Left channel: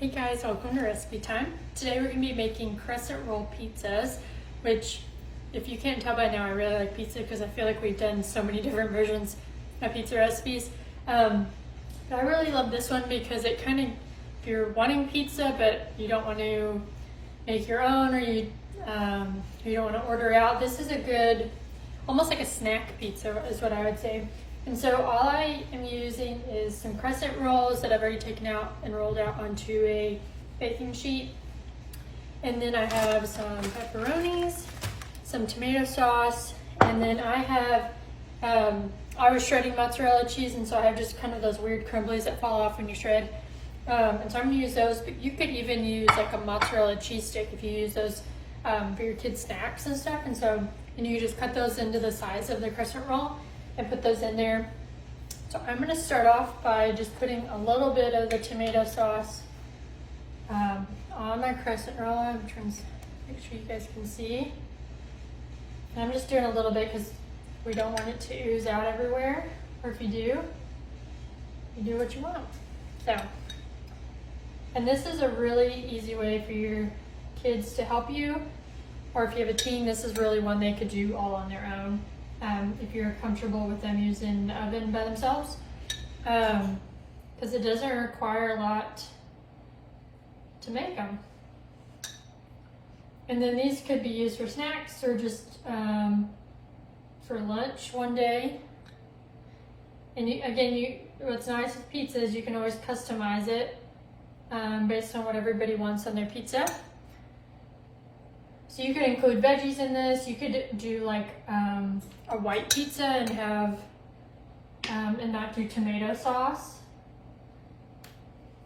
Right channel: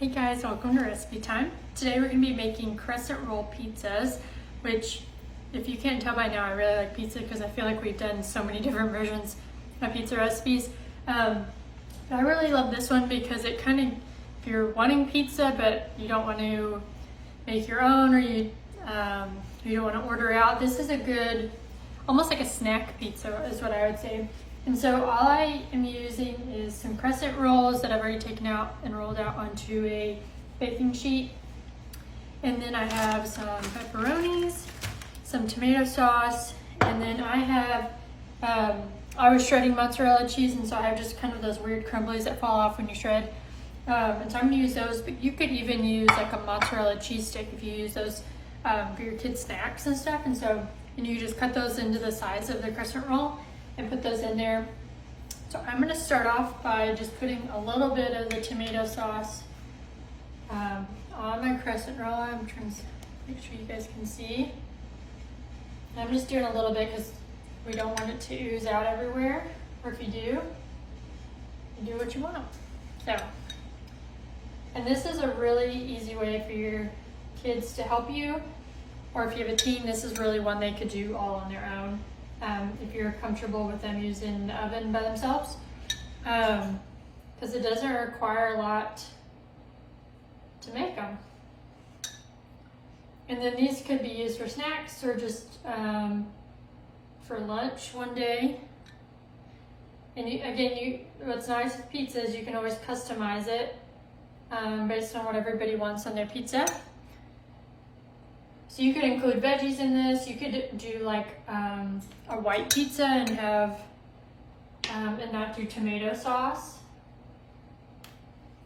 Hey guys, welcome to Recipe Time. Today we're going to be making crescent roll pizzas, which if you can't tell by now, I really like pizza because I feel like we've done so many different versions of pizza recipes. I really love this one because it kind of, if you're wanting pizza but you don't want to make your own or you don't want to order out, this is a good, almost like a snack pizza is what I would say. And so all I am using is some crescent rolls that I've already taken out and rolled out onto a baking sheet. And then I have some pepperonis, some tomato sauce, and then I have, I was shredding mozzarella cheese, and so I have just kind of those weird crumblies that fall off when you shred. And so I'm gonna use those, but you could even use like a mozzarella cheese stick if you use those for your kids' snacks and stuff. And you just cut those into the size of the crescent roll and put those in there. So I'm gonna start off by just putting a little bit of the tomato sauce on my crescent roll. I'm trying to make sure you guys can see. And I'm just doing a little bit because we don't want it to ooze out everywhere. Or if you do, you do what you want. So, and this is a really easy way for your kids to help you. Or if you have a teen, this is really one they could do all on their own. If you're comfortable with them using the oven by themselves, because it doesn't require a lot to make them. And then these could be used for snacks or just for lunch one day. And what's nice with pizza is you can always customize it based on what everybody wants on their pizza. So you could include veggies in this. You could do like a white pizza and have and not do tomato sauce.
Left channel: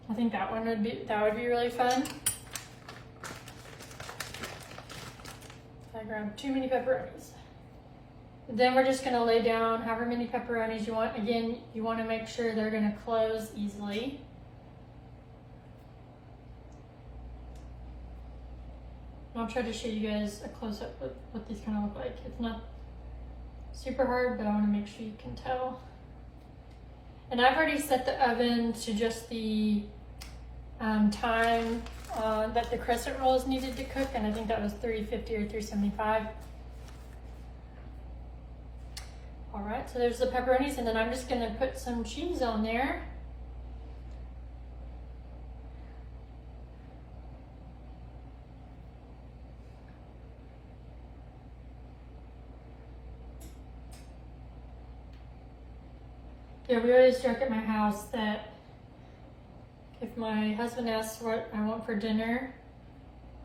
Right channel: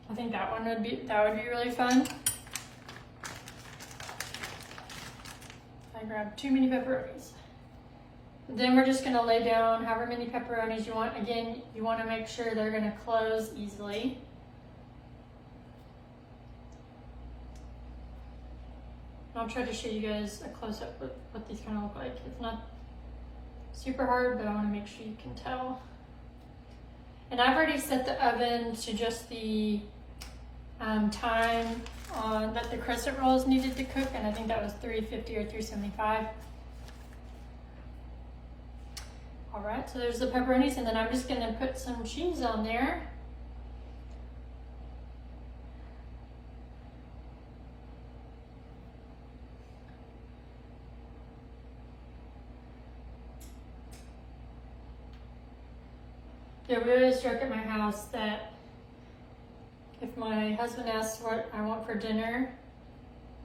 I think that would be really fun. I grabbed too many pepperonis. Then we're just gonna lay down however many pepperonis you want. Again, you want to make sure they're gonna close easily. I'll try to show you guys a close-up of what these kind of look like. It's not super hard, but I want to make sure you can tell. And I've already set the oven to just the time that the crescent rolls needed to cook, and I think that was 350 or 375. All right, so there's the pepperonis, and then I'm just going to put some cheese on there. Yeah, we always joke at my house that if my husband asks what I want for dinner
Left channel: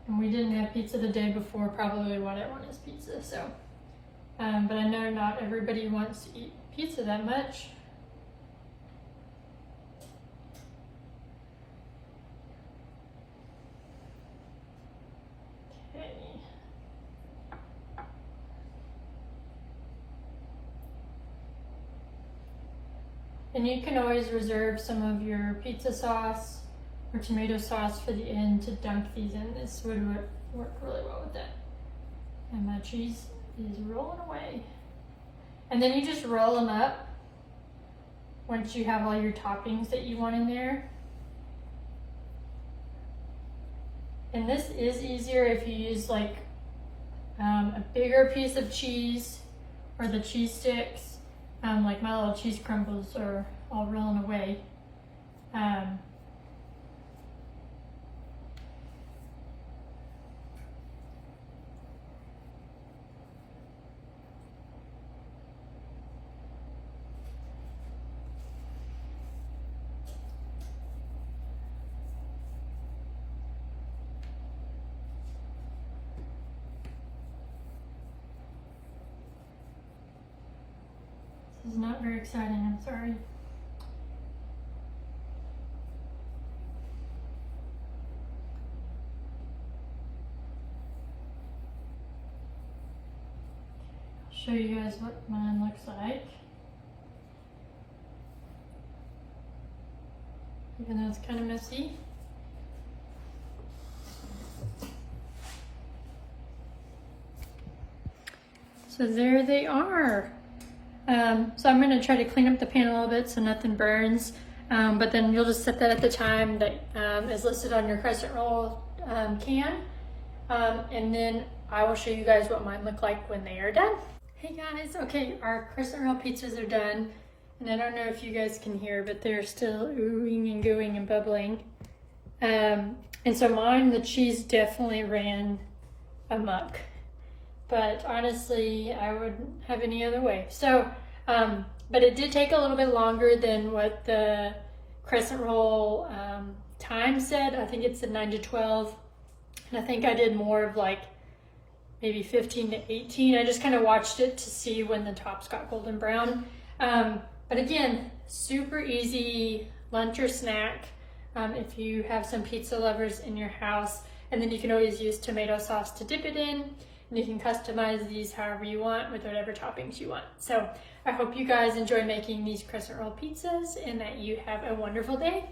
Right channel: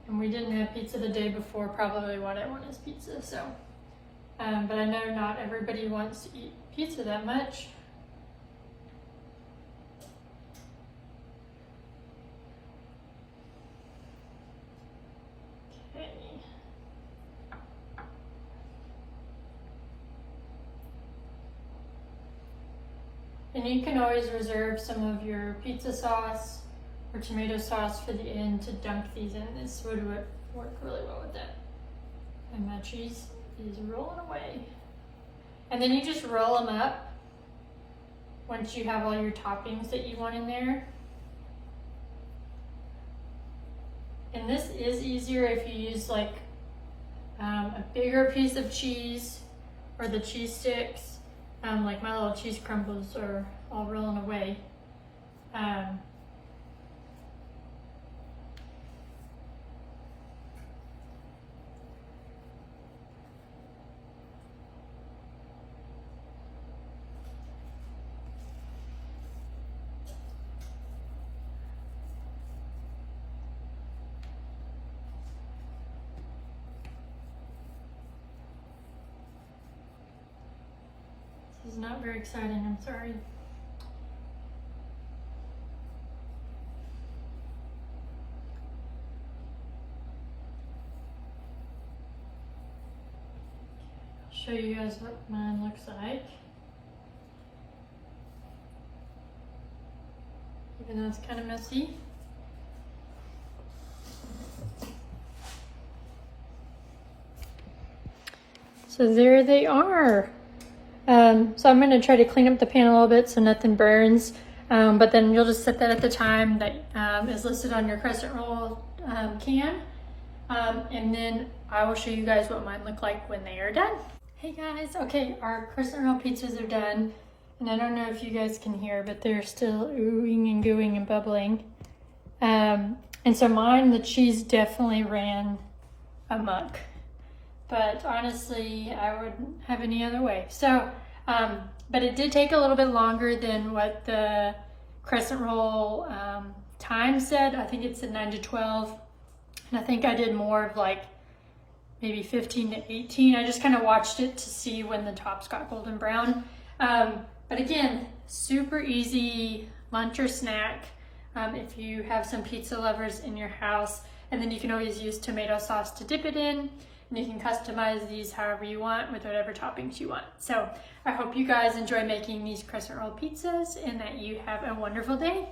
and we didn't have pizza the day before, probably what I want is pizza. So, but I know not everybody wants to eat pizza that much. And you can always reserve some of your pizza sauce or tomato sauce for the end to dunk these in. This would work really well with that. And my cheese is rolling away. And then you just roll them up once you have all your toppings that you want in there. And this is easier if you use like a bigger piece of cheese or the cheese sticks. Like my little cheese crumbles are all rolling away. This is not very exciting, I'm sorry. I'll show you guys what mine looks like. Even though it's kind of messy. So there they are. So I'm going to try to clean up the pan a little bit so nothing burns. But then you'll just look right at the time that is listed on your crescent roll can. And then I will show you guys what mine look like when they are done. Hey guys, okay, our crescent roll pizzas are done. And I don't know if you guys can hear, but they're still oohing and gooing and bubbling. And so mine, the cheese definitely ran amok. But honestly, I wouldn't have any other way. So, but it did take a little bit longer than what the crescent roll time said. I think it said 9 to 12. And I think I did more of like maybe 15 to 18. I just kind of watched it to see when the tops got golden brown. But again, super easy lunch or snack if you have some pizza lovers in your house. And then you can always use tomato sauce to dip it in. And you can customize these however you want with whatever toppings you want. So I hope you guys enjoy making these crescent roll pizzas and that you have a wonderful day.